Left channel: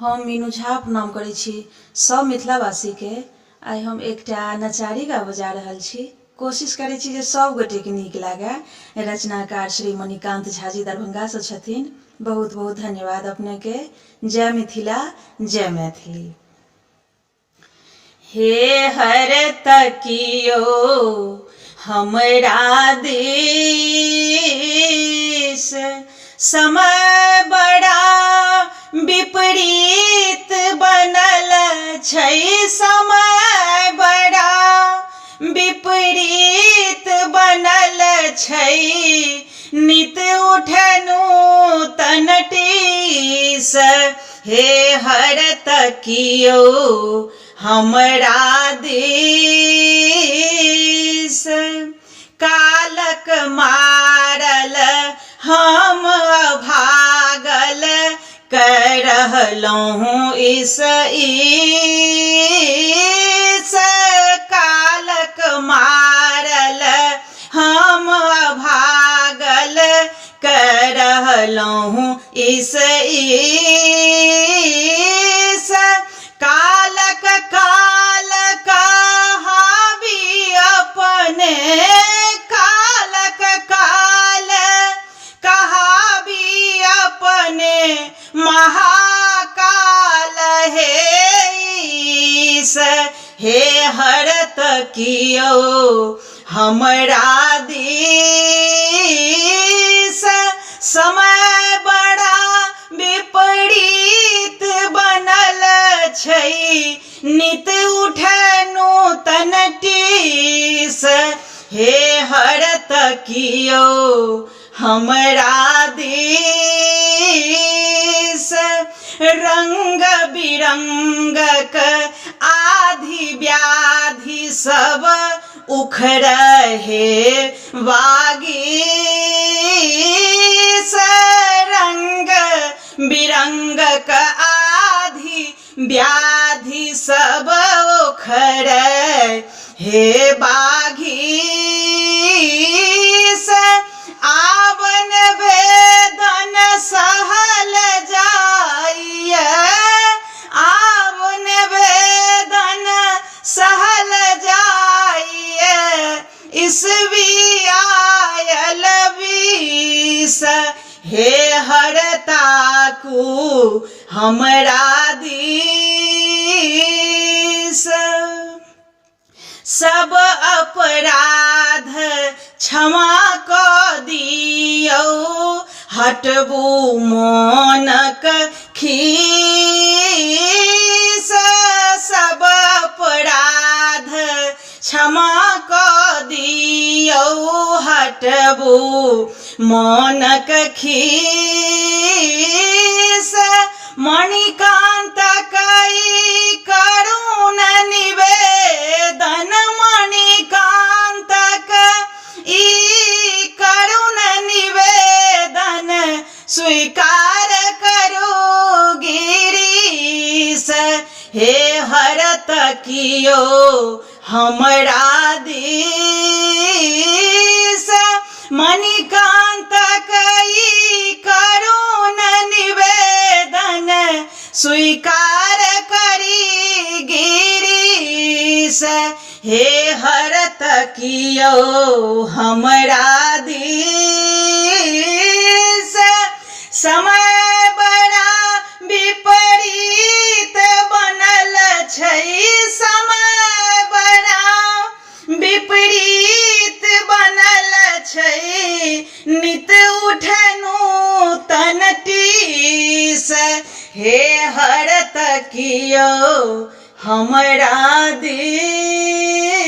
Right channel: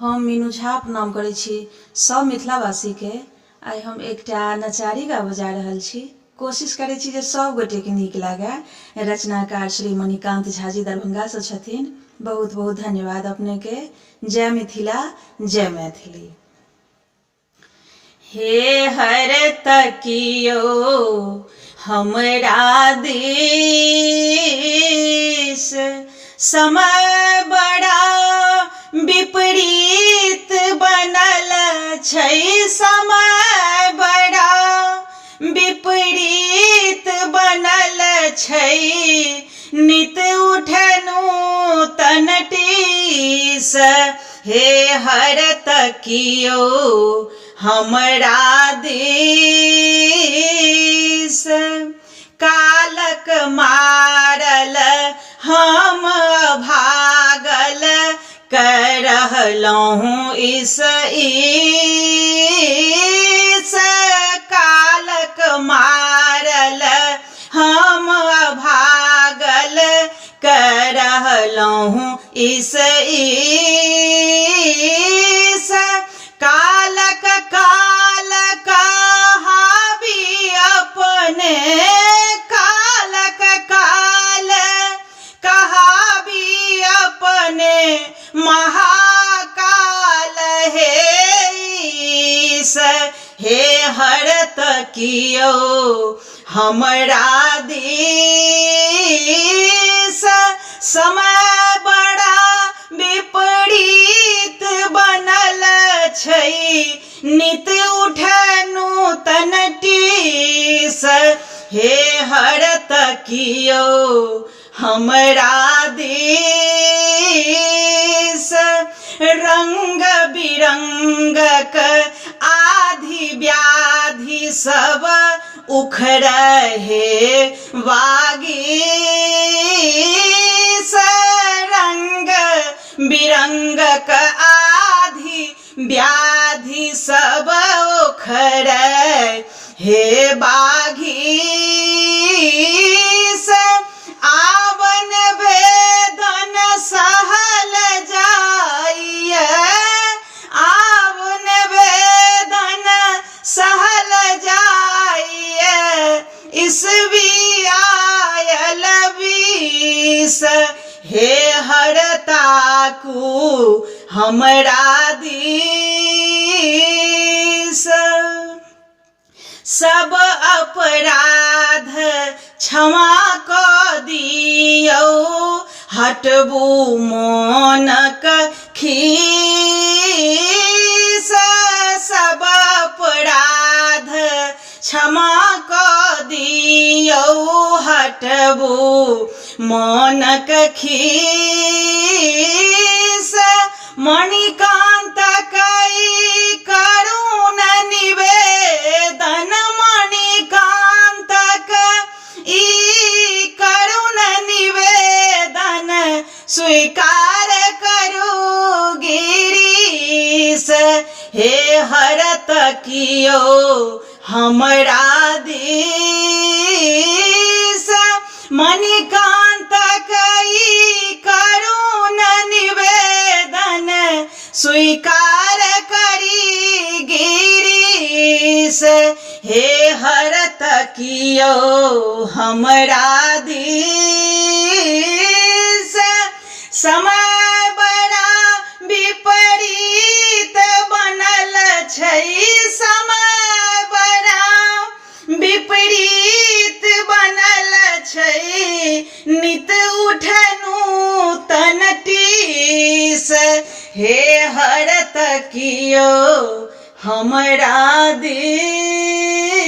हम मीनू झा प्रणाम करै छी सब मिथिलावासी के। आइ हम एकटा नचारी गा बजा रहल छी। कोशिश करै छी जे सब गोटे के नीक लागे। रचनाकार श्री मणिकांत झा जी दरभंगा से छथिन। बहुत बहुत धन्यवाद अपने के। जय मिथिला, जय मैथिली। हे हर तकियो हमरा देश, समय बड़ा विपरीत बनल छै। समय बड़ा विपरीत बनल छै। नित उठनु तनटीस, हे हर तकियो हमरा देश। कालक मारल हम भागल करहलहुँ इस। कालक मारल हम भागल करहलहुँ इस। कालक काल कहाबी अपने, कालक काल कहाबी अपने महाकाल हे ईश। हे हर तकियो हमरा देश, समय बड़ा विपरीत बनल छै। नित उठनु तनटीस, हे हर तकियो हमरा देश। रंग बिरंगक आधि व्याधि सब उखड़े वागीश। रंग बिरंगक आधि व्याधि सब उखड़े हे बाघीश। आवन वेदन सहल जाइए, आवन वेदन सहल जाइए। ईस्वी आयल 20, हे हर ताकू हमरा देश। सब अपराध क्षमा कऽ दियौ, हटबू मोनक खीस। सब अपराध क्षमा कऽ दियौ, हटबू मोनक खीस। मणिकांत कई करुण निवेदन, मणिकांत ई करुण निवेदन स्वीकार करू गिरीश। हे हर तकियो हमरा देश, मणिकांत कई करुण निवेदन स्वीकार करी गिरीश। हे हर तकियो हमरा देश। समय बड़ा विपरीत बनल छै। समय बड़ा विपरीत बनल छै। नित उठनु तनटीस, हे हर तकियो हमरा देश।